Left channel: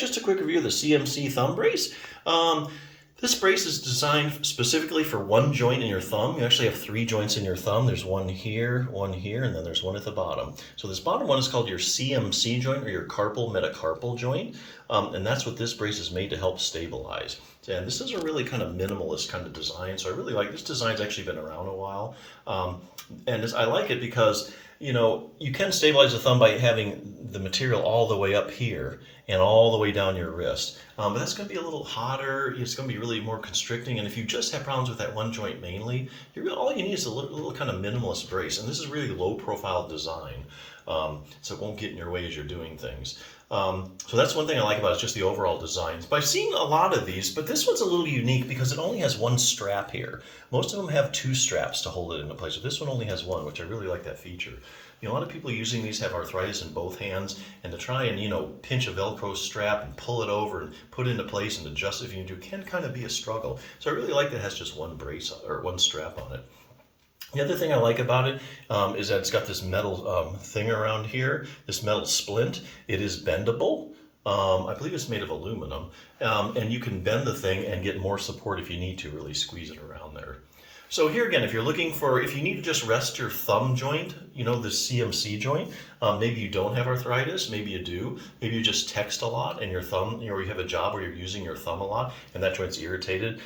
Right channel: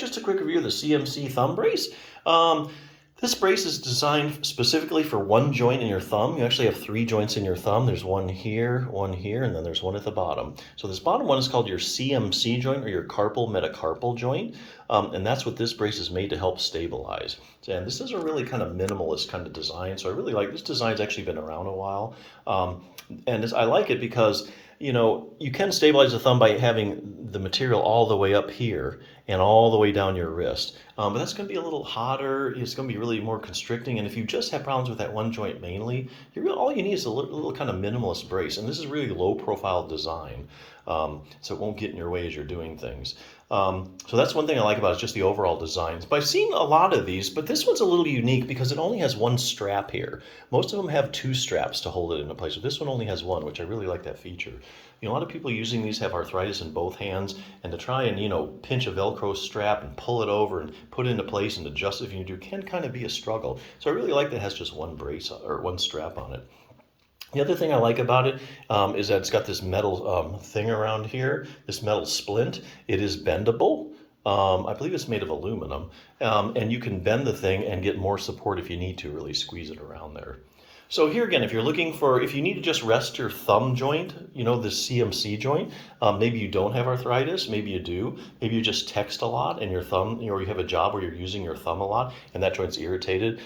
just a quick review of the CMC thumb brace. This brace is designed specifically for one joint in your thumb. You actually have 3 joints in your thumb. There's one here, and then there's one at the bottom. So this bottom one is called your CMC joint, or your carpal metacarpal joint. And that's what this brace is made to help stabilize. And this is a really kind of minimalist kind of design. So I really like this design's actually been around a while. I like it because you can stabilize the thumb by having the material all the way up here and all the way down your wrist. But that's going to be a little hotter. It's going to be really more constricting. And if you just have problems with that one joint mainly, all you need is a little kind of minimalist brace. And this is really low profile design. So it won't get in your way as you're doing things. So that's one thing I like about it, is just the overall design. But I've seen a lot of these, but this one's a little unique because it only has one strap here. Most of them have 2 straps to hold it into place. So this one only has one, which I really like that feature. A lot of people using these have arthritis in both hands, and to try and, pinch a Velcro strap and pull it over and put it into place and adjust it if you do can kind of be a struggle. So I really like that it has just one brace or one strap on it. The other thing I like about it is that it's got this metal thing around here, this metal splint. It is bendable. I believe it's made of aluminum, and you can bend the thing and get more support if you need to really squeeze it around there. So here again, if you need to just rest your thumb joint, the CMC joint, maybe you don't have arthritis, maybe you do, maybe you just text a lot and your thumb, or you have a job where you're using your thumb a lot and that joint's irritated.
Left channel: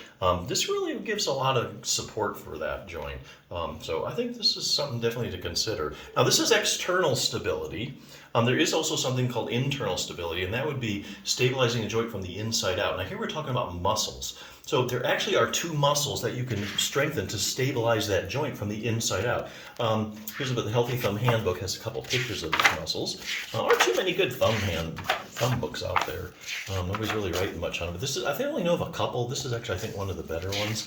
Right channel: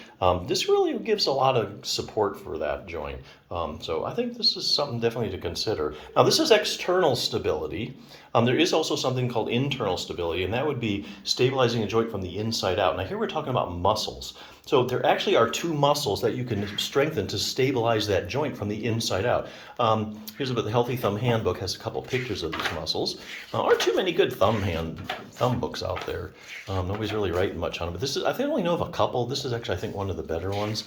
This really gives a lot of support for that joint. So I think this is something definitely to consider. Now this is external stability. There is also something called internal stability, and that would be stabilizing the joint from the inside out. Now here we're talking about muscles. So there actually are 2 muscles that you can strengthen to stabilize that joint from the inside out. Here's what the Healthy Thumb Handbook has a couple pictures of these muscles. Aren't too many good thumb books out there. Nobody's really writing much on it, but I only know of a couple. This is actually, I think, one of the better ones.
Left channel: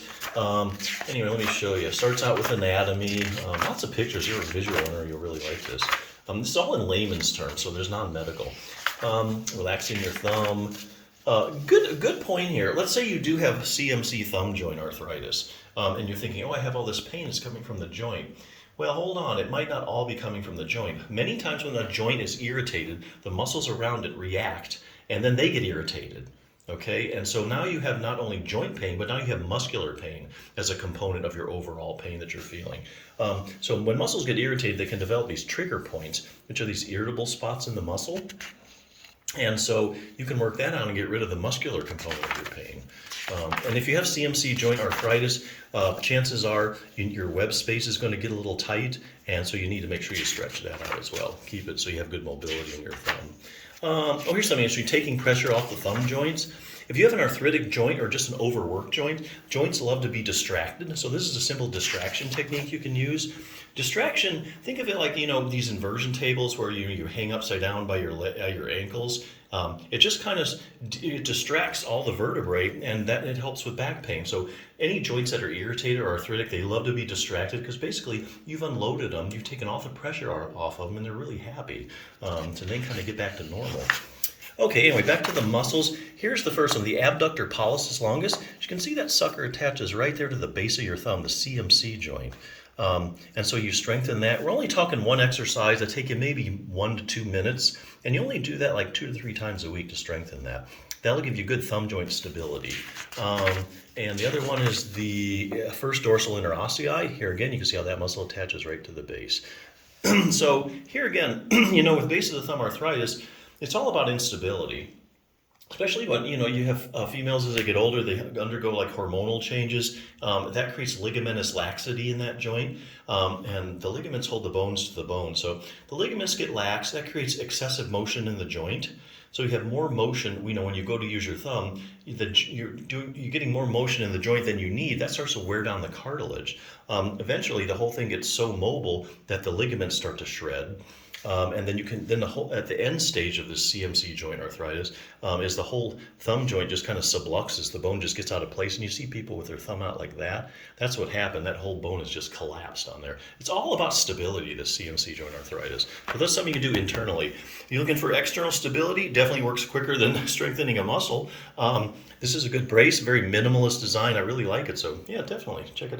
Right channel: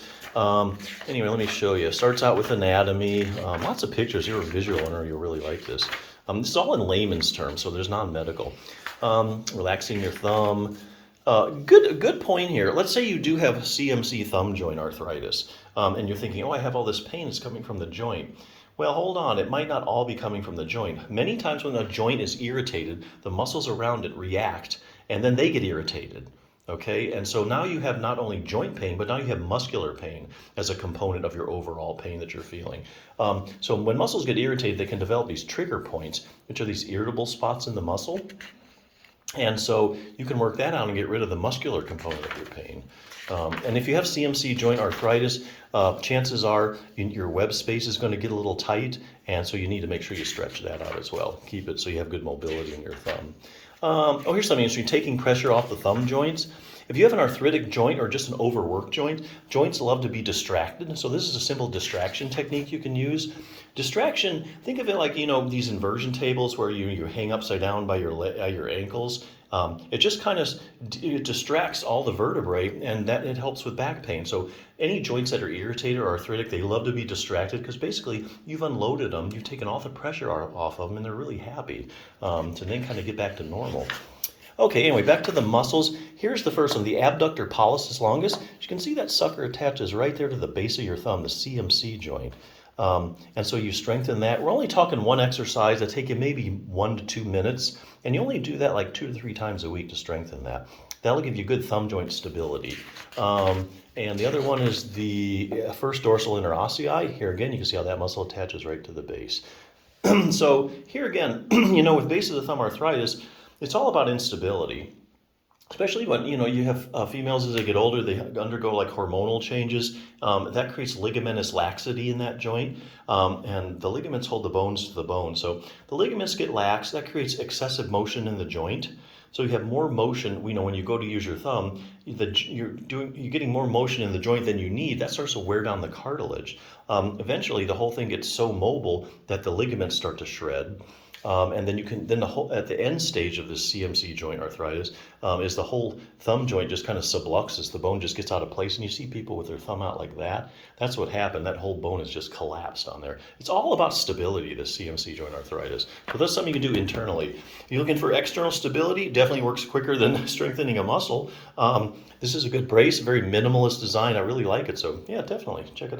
Anyway, let me show you. It starts out with anatomy, lots of pictures. If you're a visual learner, you'll really like this. This is all in layman's terms, so there's non-medical. Relaxing your thumb. Good point here. Let's say you do have CMC thumb joint arthritis, and you're thinking, I have all this pain, it's coming from the joint. Well, hold on, it might not all be coming from the joint. Many times when the joint is irritated, the muscles around it react, and then they get irritated. Okay, and so now you have not only joint pain, but now you have muscular pain as a component of your overall pain that you're feeling. So when muscles get irritated, they can develop these trigger points, which are these irritable spots in the muscle. And so you can work that out and get rid of the muscular component of your pain. And if you have CMC joint arthritis, chances are your web space is going to get a little tight, and so you need to make sure you stretch that out as well. Keep it so you have good mobility in your thumb. Here's something interesting, taking pressure off the thumb joints. If you have an arthritic joint or just an overworked joint, joints love to be distracted. So this is a simple distraction technique you can use. Distraction, think of it like, these inversion tables where you hang upside down by your ankles. It just kind of distracts all the vertebrae, and that it helps with back pain. So any joints that are irritated or arthritic, they love to be distracted because basically you've unloaded them, you've taken all the pressure off of them, and they're really happy to then kind of get back to normal. Okay, anyway, back to the muscles. Here's the first one, the abductor pollicis longus. As you can see, that sucker attaches right there to the base of your thumb, the CMC joint. And so you strengthen that. We're only talking one exercise that take you maybe 1 to 2 minutes, and you only do that like 2 to 3 times a week to strengthen that. That'll give you good thumb joint stability. And the other one is the first dorsal interossei. Here again, you can see how that muscle attaches right to the base. So here again, with base of the thumb arthritis, it's all about instability. Especially when, you have females as they get older, they undergo like hormonal changes. That creates ligamentous laxity in that joint. And the ligaments hold the bones to the bone. So the ligaments get lax, that creates excessive motion in the joint. So you have more motion, when you go to use your thumb, you're getting more motion in the joint than you need. That starts to wear down the cartilage. Eventually the whole thing gets so mobile that the ligaments start to shred. And then at the end stage of this CMC joint arthritis is the whole thumb joint just kind of subluxes. The bone just gets out of place, and you see people with their thumb out like that. That's what happened. That whole bone is just collapsed on there. It's all about stability, this CMC joint arthritis. So that's something you can do internally. If you're looking for external stability, definitely works quicker than strengthening a muscle. This is a good brace, very minimalist design. I really like it. So yeah, definitely check it out.